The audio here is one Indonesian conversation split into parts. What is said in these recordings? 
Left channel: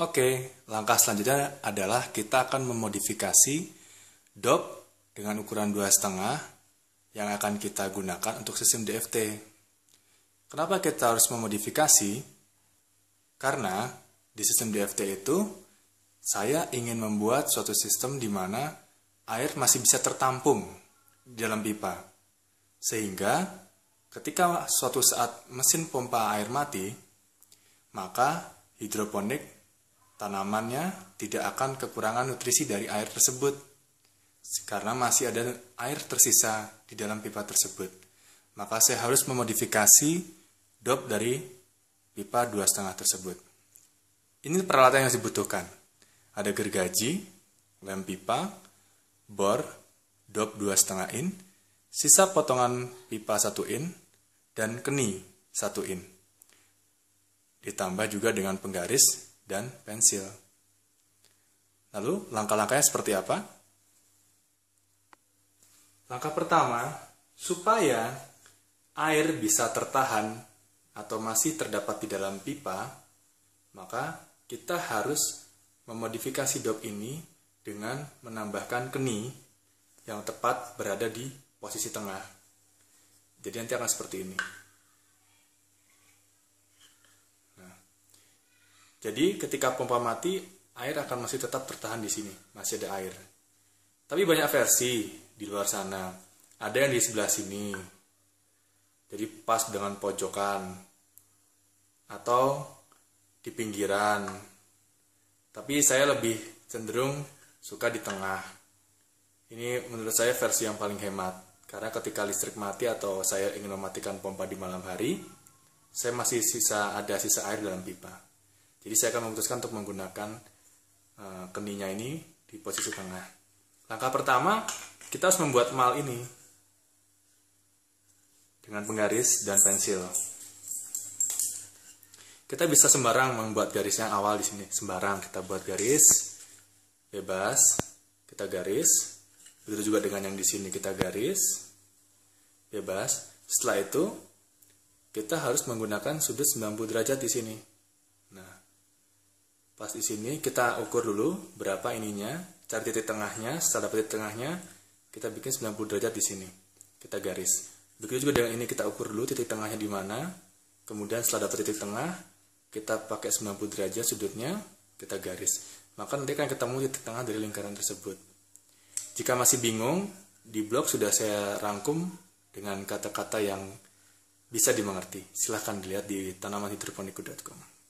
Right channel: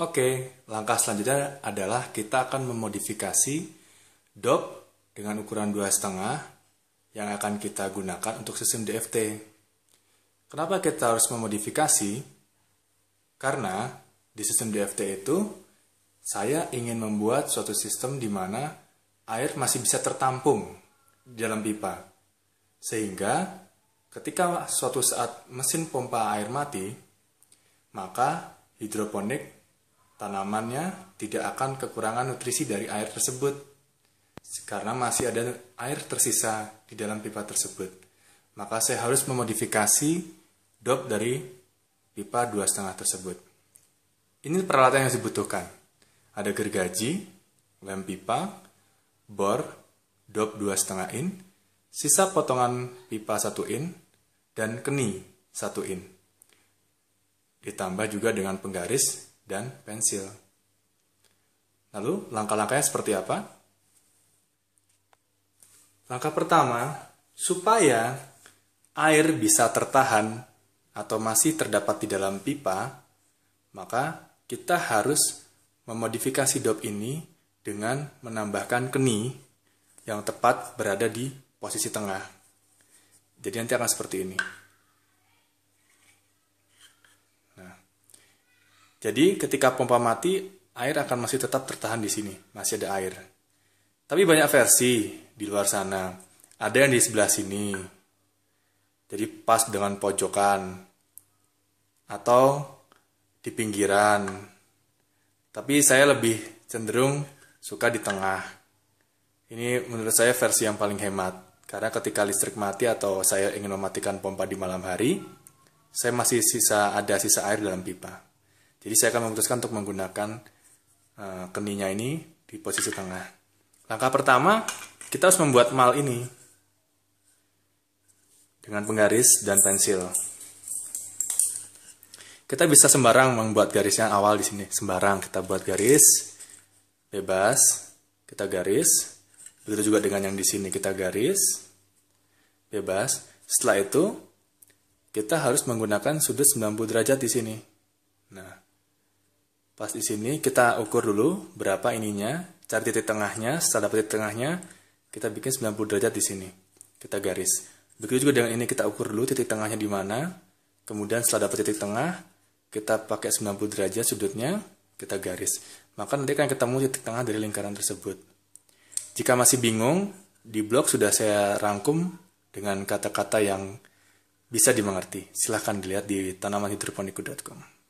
Oke, langkah selanjutnya adalah kita akan memodifikasi dop dengan ukuran 2,5 yang akan kita gunakan untuk sistem DFT. Kenapa kita harus memodifikasi? Karena di sistem DFT itu saya ingin membuat suatu sistem di mana air masih bisa tertampung di dalam pipa. Sehingga ketika suatu saat mesin pompa air mati, maka hidroponik tanamannya tidak akan kekurangan nutrisi dari air tersebut karena masih ada air tersisa di dalam pipa tersebut. Maka saya harus memodifikasi dop dari pipa 2,5 tersebut. Ini peralatan yang dibutuhkan. Ada gergaji, lem pipa, bor, dop 2,5 in, sisa potongan pipa 1 in, dan keni 1 in. Ditambah juga dengan penggaris dan pensil. Lalu langkah-langkahnya seperti apa? Langkah pertama, supaya air bisa tertahan atau masih terdapat di dalam pipa, maka kita harus memodifikasi dop ini dengan menambahkan keni yang tepat berada di posisi tengah. Jadi nanti akan seperti ini. Jadi ketika pompa mati, air akan masih tetap tertahan di sini, masih ada air. Tapi banyak versi di luar sana. Ada yang di sebelah sini, jadi pas dengan pojokan, atau di pinggiran. Tapi saya lebih cenderung suka di tengah. Ini menurut saya versi yang paling hemat. Karena ketika listrik mati atau saya ingin mematikan pompa di malam hari, saya masih ada sisa air dalam pipa. Jadi saya akan memutuskan untuk menggunakan keninya ini di posisi tengah. Langkah pertama, kita harus membuat mal ini dengan penggaris dan pensil. Kita bisa sembarang membuat garisnya awal di sini. Sembarang kita buat garis, bebas, kita garis. Begitu juga dengan yang di sini kita garis, bebas. Setelah itu, kita harus menggunakan sudut 90 derajat di sini. Nah, pas di sini kita ukur dulu berapa ininya, cari titik tengahnya, setelah dapat titik tengahnya, kita bikin 90 derajat di sini. Kita garis. Begitu juga dengan ini kita ukur dulu titik tengahnya di mana, kemudian setelah dapat titik tengah, kita pakai 90 derajat sudutnya, kita garis. Maka nanti akan ketemu titik tengah dari lingkaran tersebut. Jika masih bingung, di blog sudah saya rangkum dengan kata-kata yang bisa dimengerti. Silahkan dilihat di tanamanhidroponiku.com.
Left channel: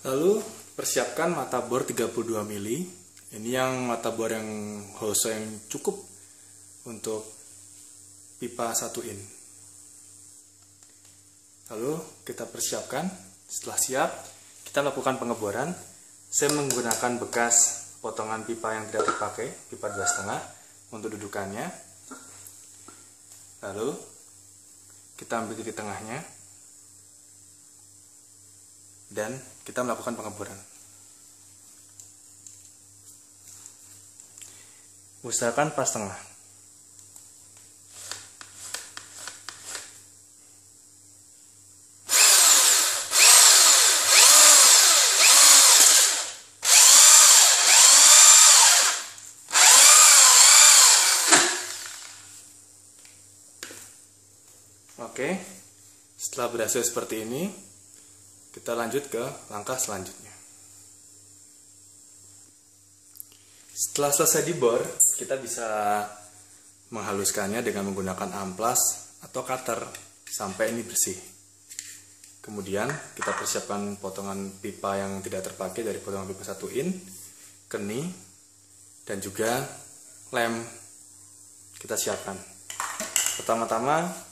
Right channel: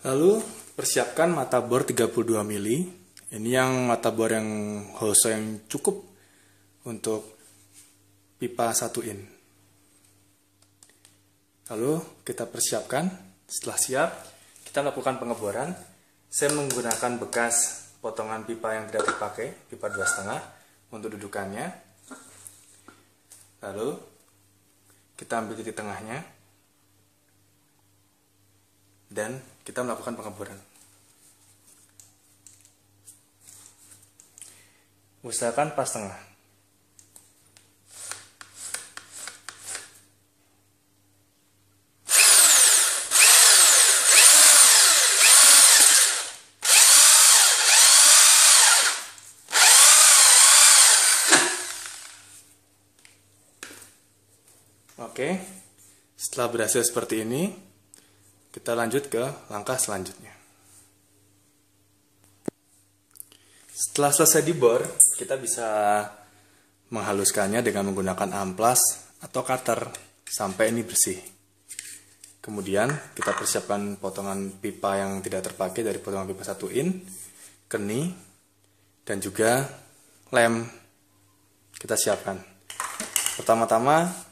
Lalu persiapkan mata bor 32 mili. Ini yang mata bor yang hose yang cukup untuk pipa 1 in. Lalu kita persiapkan. Setelah siap, kita lakukan pengeboran. Saya menggunakan bekas potongan pipa yang tidak terpakai, pipa 2,5 untuk dudukannya. Lalu kita ambil titik tengahnya dan kita melakukan pengeboran. Usahakan pas tengah. Oke, setelah berhasil seperti ini, kita lanjut ke langkah selanjutnya. Setelah selesai dibor, kita bisa menghaluskannya dengan menggunakan amplas atau cutter sampai ini bersih. Kemudian kita persiapkan potongan pipa yang tidak terpakai dari potongan pipa 1 in, keni, dan juga lem. Kita siapkan. Pertama-tama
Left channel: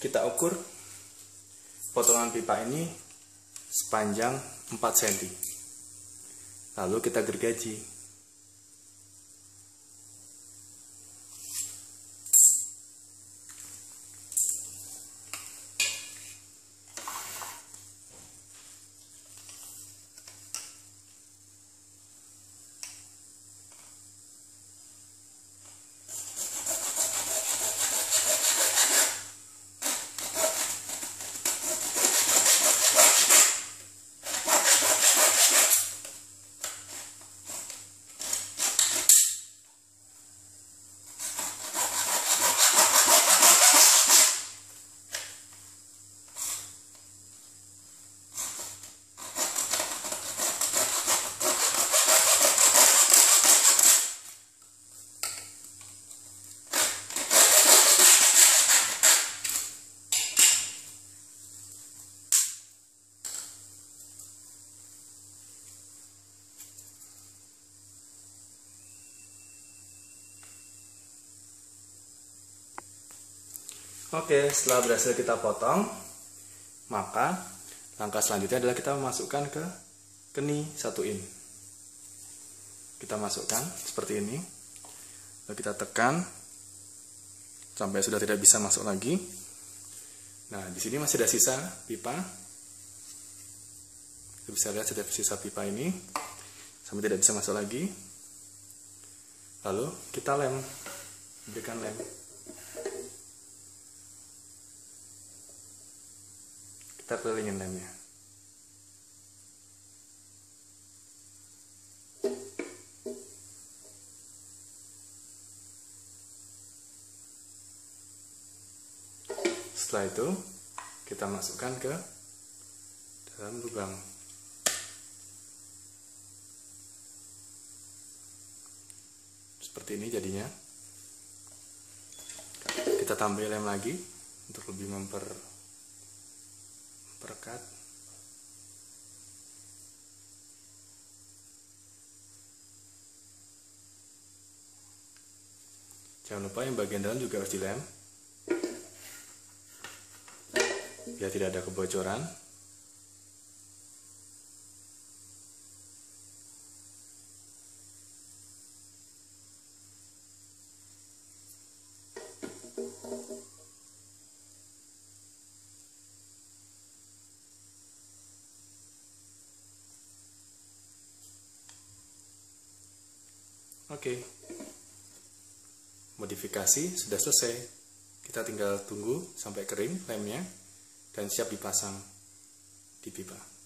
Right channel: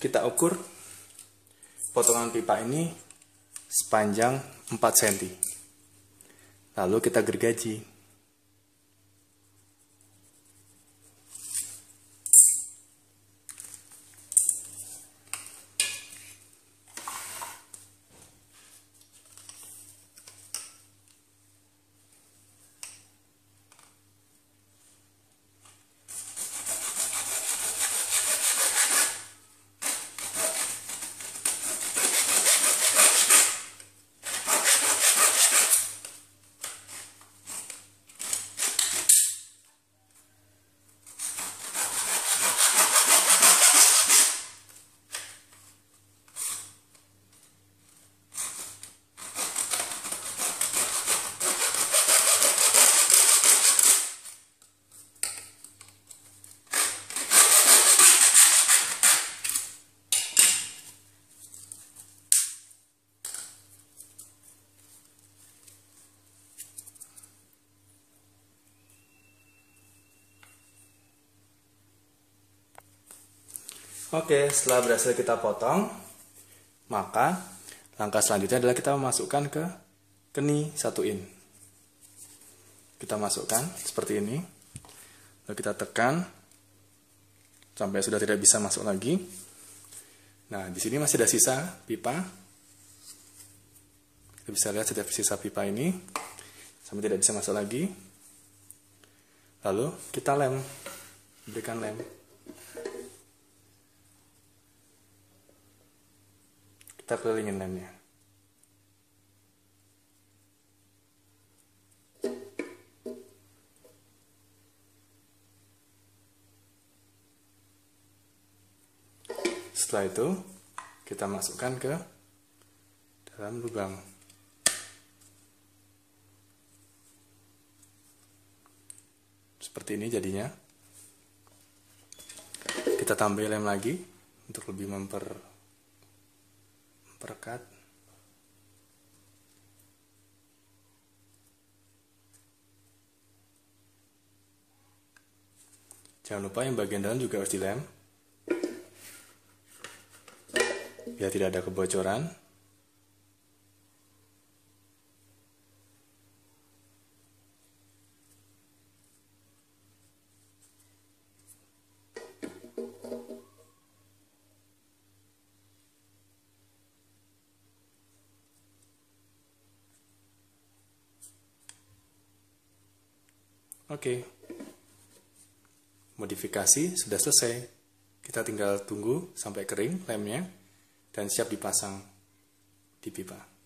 kita ukur potongan pipa ini sepanjang 4 cm. Lalu kita gergaji. Oke, setelah berhasil kita potong, maka langkah selanjutnya adalah kita memasukkan ke keni, satuin. Kita masukkan seperti ini, lalu kita tekan sampai sudah tidak bisa masuk lagi. Nah, di sini masih ada sisa pipa. Kita bisa lihat setiap sisa pipa ini sampai tidak bisa masuk lagi. Lalu kita lem, berikan lem. Kita kelilingin lemnya. Setelah itu kita masukkan ke dalam lubang. Seperti ini jadinya. Kita tambah lem lagi untuk lebih memperketat. Jangan lupa yang bagian dalam juga harus dilem, biar tidak ada kebocoran. Oke, modifikasi sudah selesai. Kita tinggal tunggu sampai kering lemnya dan siap dipasang di pipa.